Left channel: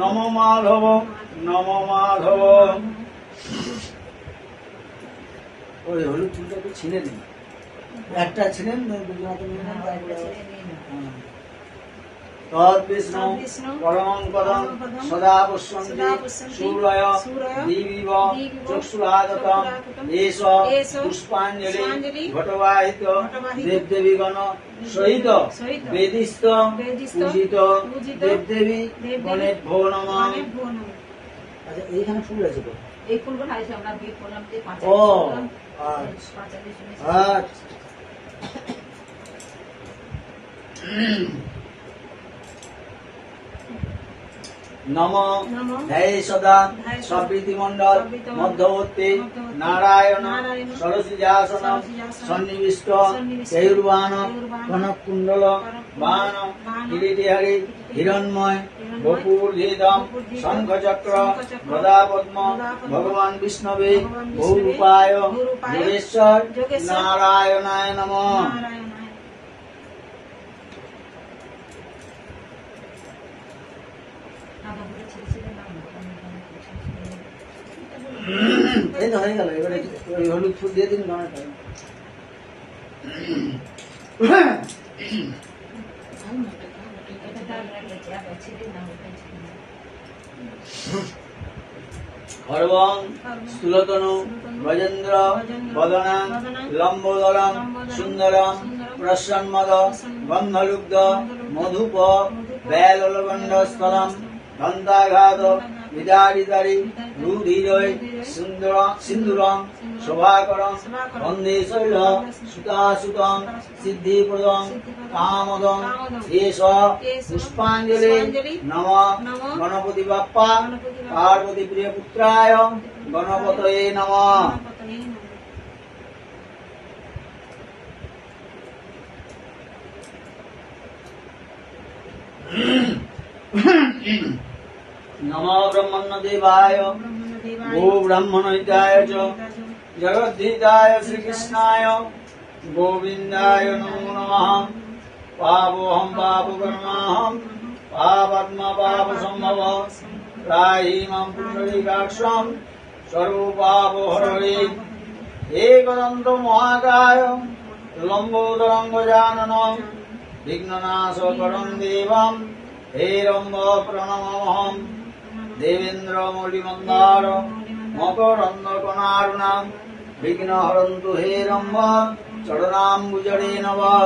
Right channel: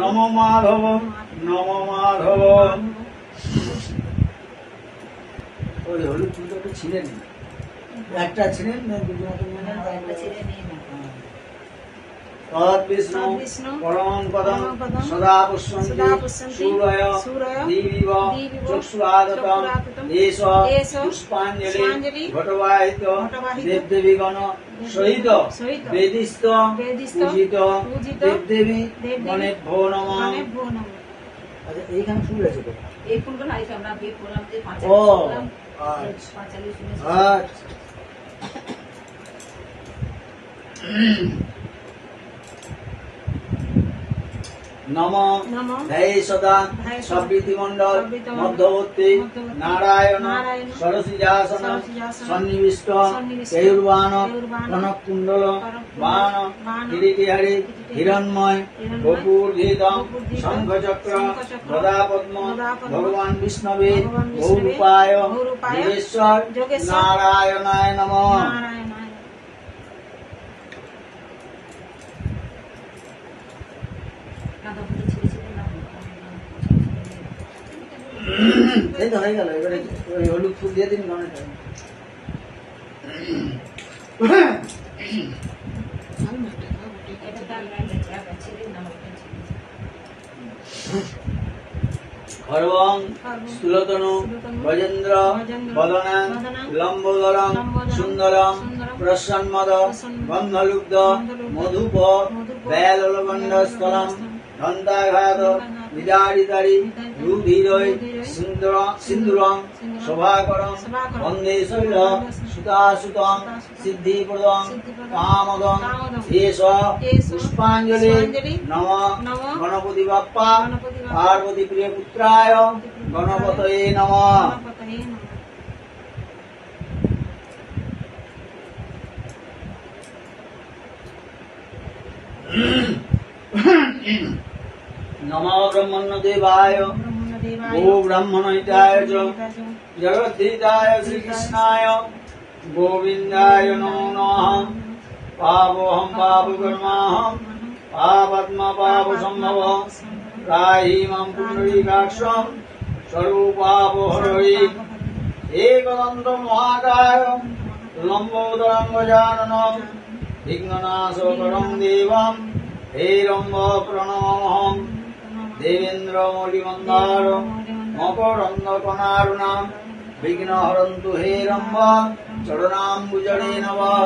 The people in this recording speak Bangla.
নম মাধব নম মাধব। ওই হলুদ চুলটা তো ছিলেন, একটা ছিলেন তদ্বিষ্ণু পরমং পদং সদা পুষ্পন্তি সূরয় দীবিব চক্ষুরাগতং এষ পুষ্পাঞ্জলি ঘটবাহিত দেবদেবীগণ সহিত বেদিস্ত পূজিত দেবদেবী গণেভ্যো নমঃ। আচ্ছা এইখানে ফুল আছে তো, এই ফুলগুলো আছে আমরা বিয়ে করলাম যে ও আচ্ছা নম ধ্যায়ে সদা সবৃতিমণ্ডল মধ্যবর্তী নারায়ণ সরসিজাসন সন্নিবিষ্ট কেয়ুর্বাণ কনক কুণ্ডল বাণ কিরীটিহারি হিরণ্ময় বপুর্ধিত শঙ্খচক্র গদা পদ্ম ভগবান বিষ্ণবে বহুরূপায় যোগেশ্বর নারায়ণায় নমঃ। এই তো হয়ে গেল, এবারে ওই হলুদ ফুল দিয়ে দিন গণেটা। খর্বং স্থূলতনু গজেন্দ্র বদনাং লম্বোদরং সুন্দরং প্রসন্মদ গন্ধলুব্ধ মধুপ বেললবণ্ডস্থলম দন্তাঘাত বিদারিতারি রুধিরৈ সিন্দুরং শোভাকরং বন্দে শৈল সুতাসুতং সিদ্ধিপ্রদং কামদং এষ পুষ্পাঞ্জলি নমঃ। গণপতি বাপ্পা পার্বতী প্রিয় পুত্রায় গণপতয়ে নমঃ। নমো ব্রহ্মণ্যদেবায় গো ব্রাহ্মণহিতায় চ জগদ্ধিতায় শ্রীকৃষ্ণায় গোবিন্দায় নমো নমঃ। পাপোহং পাপকর্মাহং পাপাত্মা পাপসম্ভব ত্রাহি মাং পুণ্ডরীকাক্ষং সর্বপাপহরণে। एकदन्त महाकाय लम्बोदरं गजाननं विघ्ननाशकरं देवं हेरम्ब प्रणमामहं। देवेन्द्रमौलिमन्दार मकरन्दकनारुणां विघ्नहरन्तु हेरम्ब चरणाम्बुजने नमः।